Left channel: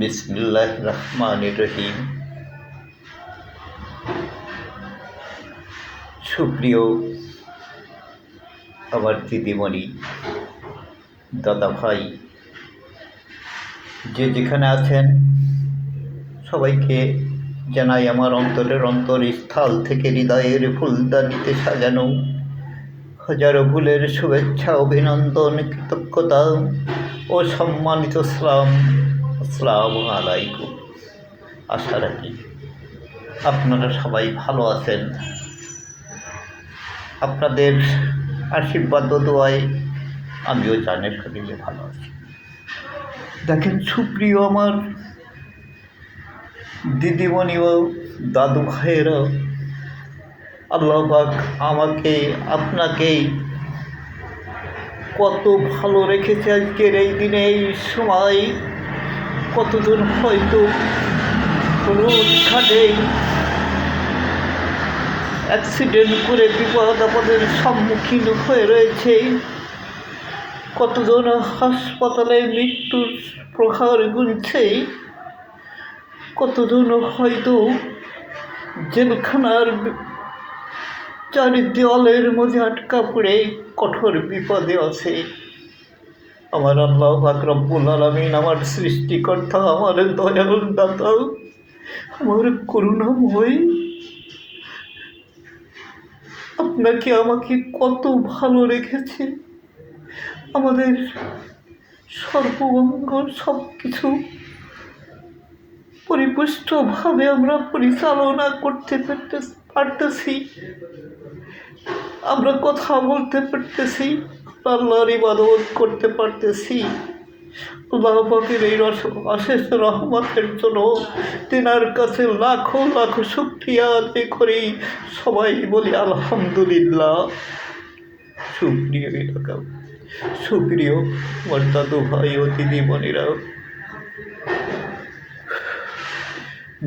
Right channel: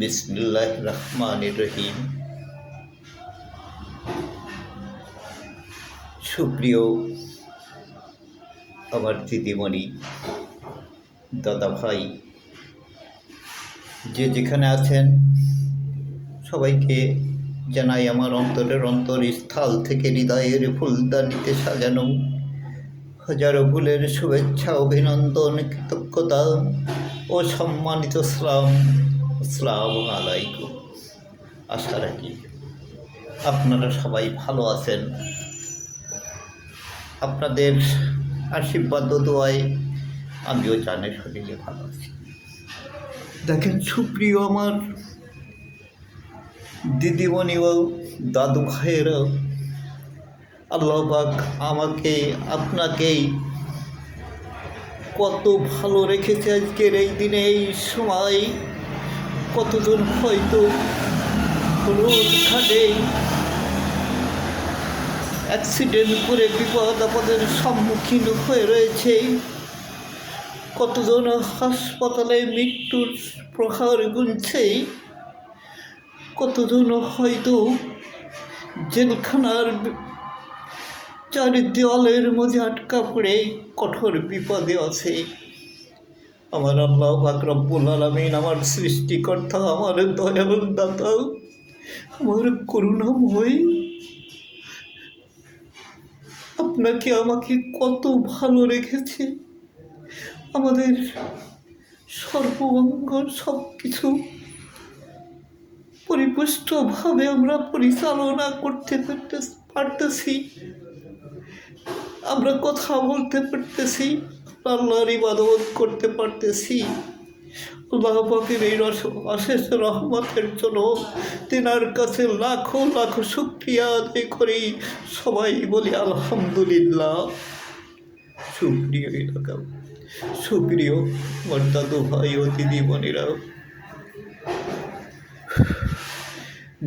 বিসমিল্লাহির রহমানির রহিম। সুপ্রিয় আমার দিদিমণি, দাদা ভাই, যে যেখানে আছেন সবাইকে জানাই আমার অন্তরস্থল থেকে হৃদয়ের ফুলদানিতে সাজানো হাজারো ফুলের শুভেচ্ছা, অভিনন্দন, কৃতজ্ঞতা ও সম্মানিত আসসালামু আলাইকুম। আশা রাখি আপনারা সবাই ভালো আছেন। আপনাদের আশীর্বাদ ও দোয়ায় আমিও জানের শরীরে ভালো আছি। দেখেন সুপ্রিয় আমার দিদিমণি ও দাদু ভাইয়েরা, আল্লাহ পাক আমাকে আপনাকেই কত ভালো রেখেছে আজকের এই দিনে, এই সময়। কতজন হয়তো রোডঘাটে অ্যাক্সিডেন্ট করে বিপদ আপদের সম্মুখীন হয়ে রয়েছে, কতজন হাসপাতালে মৃত্যুর প্রহার গুনছে, কতজন হয়তো জেলখানার চারি দেওয়ালের মধ্যে আটকা পড়ে কঠোর বিপদে আছে। আমার আল্লাহ পাক রব্বুল আলামিন, আমার সৃষ্টিকর্তা, আমার দয়ালুর দাতা, আমার করুণাময়, আপনাকে আমাকে কত ভালো রেখেছে। আমাদের সর্বঙ্গ সব কিছু পরিপুষ্টভাবে আমরা পরিচালনা করতে পারতেছি, আমরা কথা বলতে পারতেছি, আল্লাহর ইবাদত করতে পারতেছি। আল্লাহ পাকের এই অশেষ রহমতের জন্য তেনার কাছে লাখো লাখো শুকরিয়া আদায় করি। সবাই বলি আলহামদুলিল্লাহ। সুপ্রিয় এলাকা, সুপ্রিয় আমার দাদু ভাই ও দিদিমণিরা,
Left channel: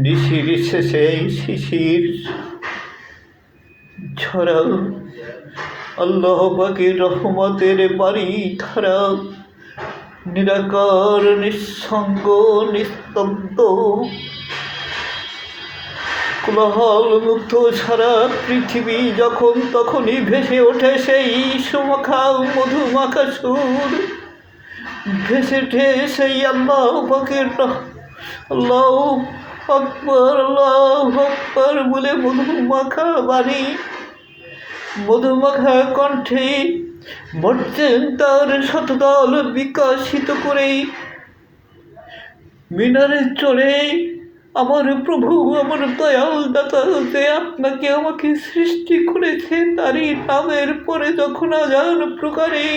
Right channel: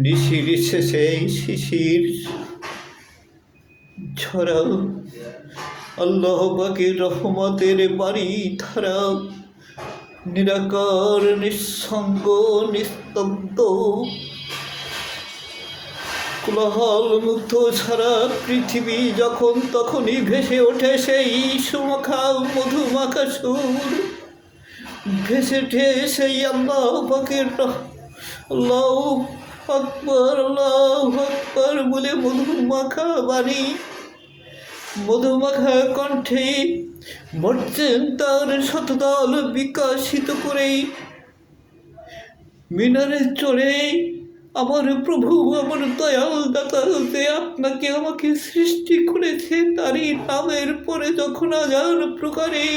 নিশির শেষে শিশির ঝরা, আল্লাহ পাকের রহমতের বাড়ি ধারা, নিরাকার, নিঃসঙ্গ, নিস্তব্ধ, কোলাহল মুক্ত সারা পৃথিবী যখন তখনই ভেসে ওঠে সেই সুমাখা মধুমাখা সুর, ভেসে ওঠে সেই আল্লাহ পাকের আল্লাহ আকবার, আল্লাহ আকবার বলে মধুমাখা বাণী, মধুমাখা কণ্ঠে মর্যান তার শতদল বিকশিত করে মিনারে চড়ে আমার প্রভু, আমার দয়াল দাতা যে আপনাকে আমাকে সৃষ্টি করেছে, তারই নামের পরে যখন আজান প্রকারে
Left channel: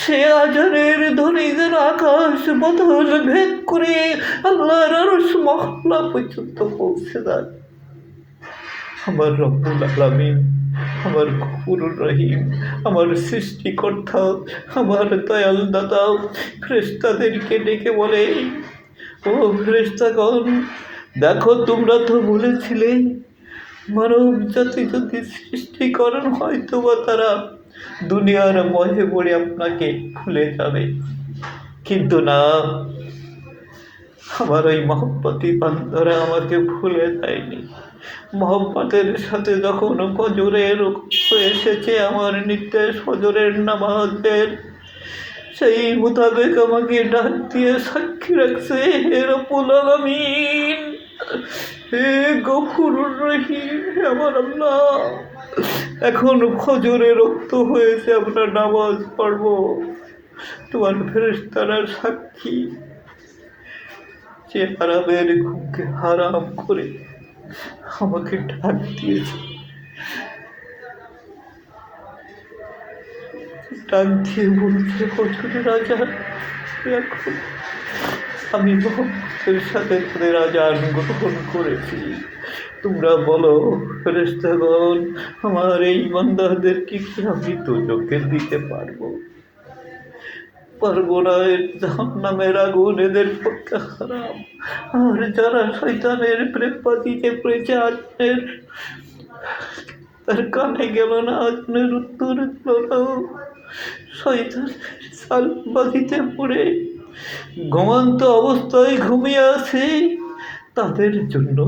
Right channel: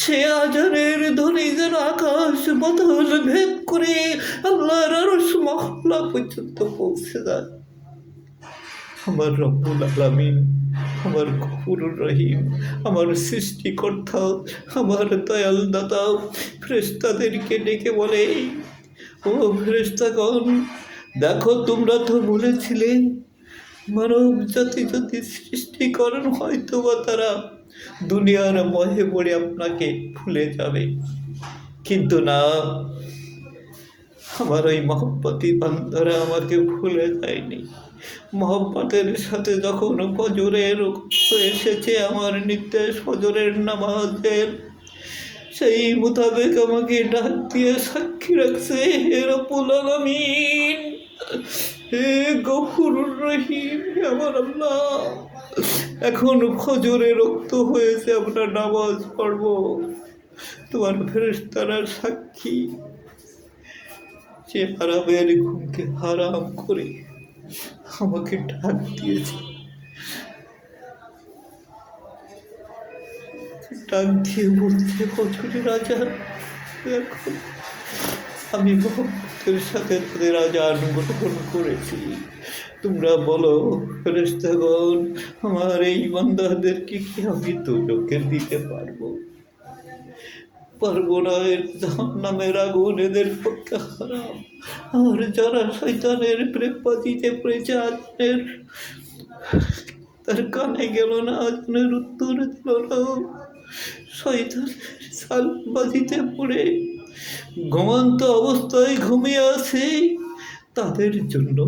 সে আজানের ধ্বনি যেন আকাশ বাতাস ভেদ করে আল্লাহর আরশ মহল্লা পর্যন্ত পৌঁছে যায়। আমার রব্বুল আলামিন, আমার গফুরুর রহিম, আমার সৃষ্টিকর্তা, আমার দয়াল দাতা ফেরেশতাদেরকে ডেকে বলে, ও ফেরেশতাগণ, দেখো তোমরা তো বলেছিলে মানব জাতি যদি সৃষ্টিকরণ হয়তো বা তারা দুনিয়ার মহে পড়ে আপনাকে ভুলে যাবে, কিন্তু না, আমার ওই মহব্বতী বান্দারা আমাকে ভুলে যায়নি। মহব্বতের সাথে যখন ফজরের এসেছে, আমার নির্দেশ ফজরের নামাজের, সেই মোতাবেক আমাকে ডাক দিয়ে সাক্ষী রাখছে, হে রব্বুল আলামিন, হে গফুরুর রহিম, হে আমার আল্লাহ, এখন ফজরে রক্ত হয়েছে, আমরা নামাজ পড়বো। তোমার ফেরেশতারা সাক্ষী, সে হারামের ঘুমকে হারাম করে আমাকে ডাক দিয়েছে, ডাক দিয়ে বলছে, ফজরের আজান এখন আমি মোহাম্মদের সাথে তাদের আজান গ্রহণ করেছি। তোমরা বলো ফেরেশতাগণ, আমার এই বান্দাদেরকে কি আমি দোজখে দিতে পারবো না? জাহান্নামের আগুন এদের পক্ষে হারাম। আর যারা শয়তানের প্রেমবাজিতে পড়েছে, আজানের তার কানে গেল না, আজানের উত্তর দিল না, শয়তান সালবাজিতে পড়ে ঘুমন্ত অবস্থায় ঘুমিয়ে আছে তাদের জন্য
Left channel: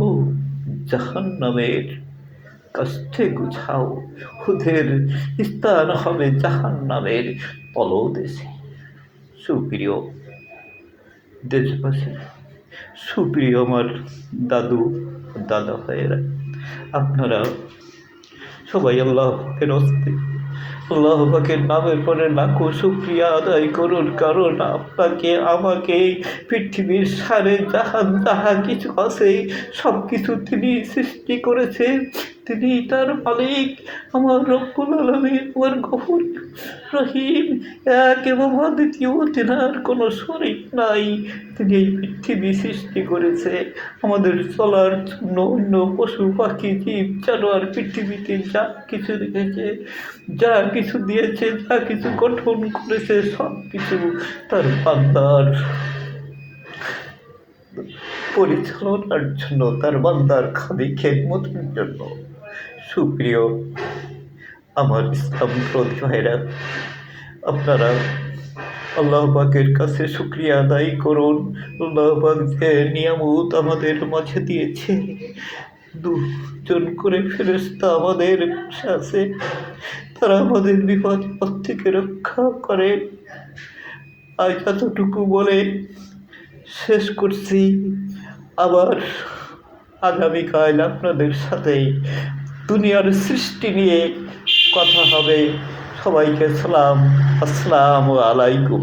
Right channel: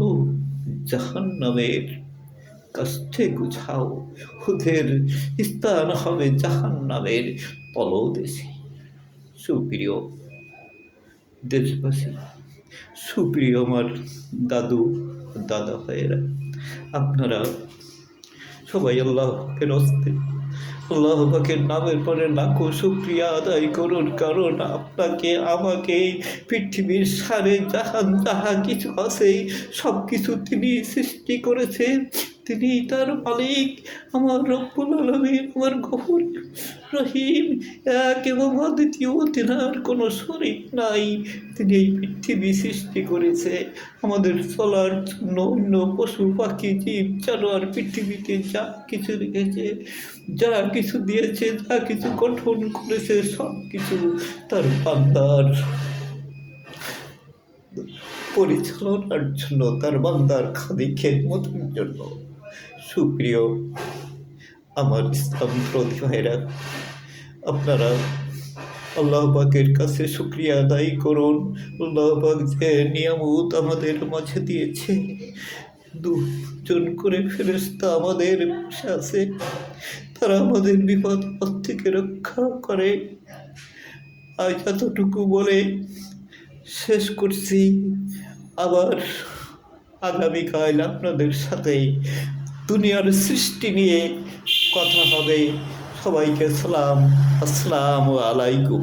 জাহান্নামের কাষ্ঠে গুছাও, ওদের স্থান হবে জাহান্নামের তলদেশে। সুপ্রিয় দেশবাসী, সুপ্রিয় আমার দাদু দাদা ভাইয়েরা, আপনারা সবাই আল্লাহের হস্তে আল্লাহ পাকের নামের পরে লাখো শুকরিয়া আদায় করুন, কারণ আপনাকে আমাকে পৃথিবীর সারে জাহান যাহা কিছু আছে সব কিছু তিনি সৃষ্টি করেছেন। তিনি তার মালিক, আমার রব্বুল আলামিন, আমার গফুর রহিম, এক এবং অদ্বিতীয়, তেনার কোনো শরীক নাই। তিনি এই পৃথিবী সৃষ্টি করেছে আমাদের চলার জন্য। অন্য পশু পাখি জীব জানোয়ার পৃথিবীতে যা কিছু রেখেছে, যা কিছু দিয়েছে, যা কিছু গঠন করেছে, সব কিছু তার বান্দার পরিচালনার জন্য, তার বান্দার খাদি খেদমতের জন্য। সুপ্রিয় আমার ইসলাম বিরোধী ভাইরা, আপনারা আল্লাহ পাকের কাছে শুকরিয়া আদায় করুন। আল্লাহ পাক যে নিয়ামত আমাদের মাঝে দিয়েছে, দুজন করে ফেরেশতা আমাদের পাশে আছে, তারা আমাদের বিপদ পথ থেকে রক্ষা করে। আজ এতটুকু বলে শেষ করছি। আবার আগামীকাল আপনাদের সাথে দুনিয়ার সৃষ্টি নিয়ে কথা হবে। সবাইকে সালাম, আসসালামু আলাইকুম।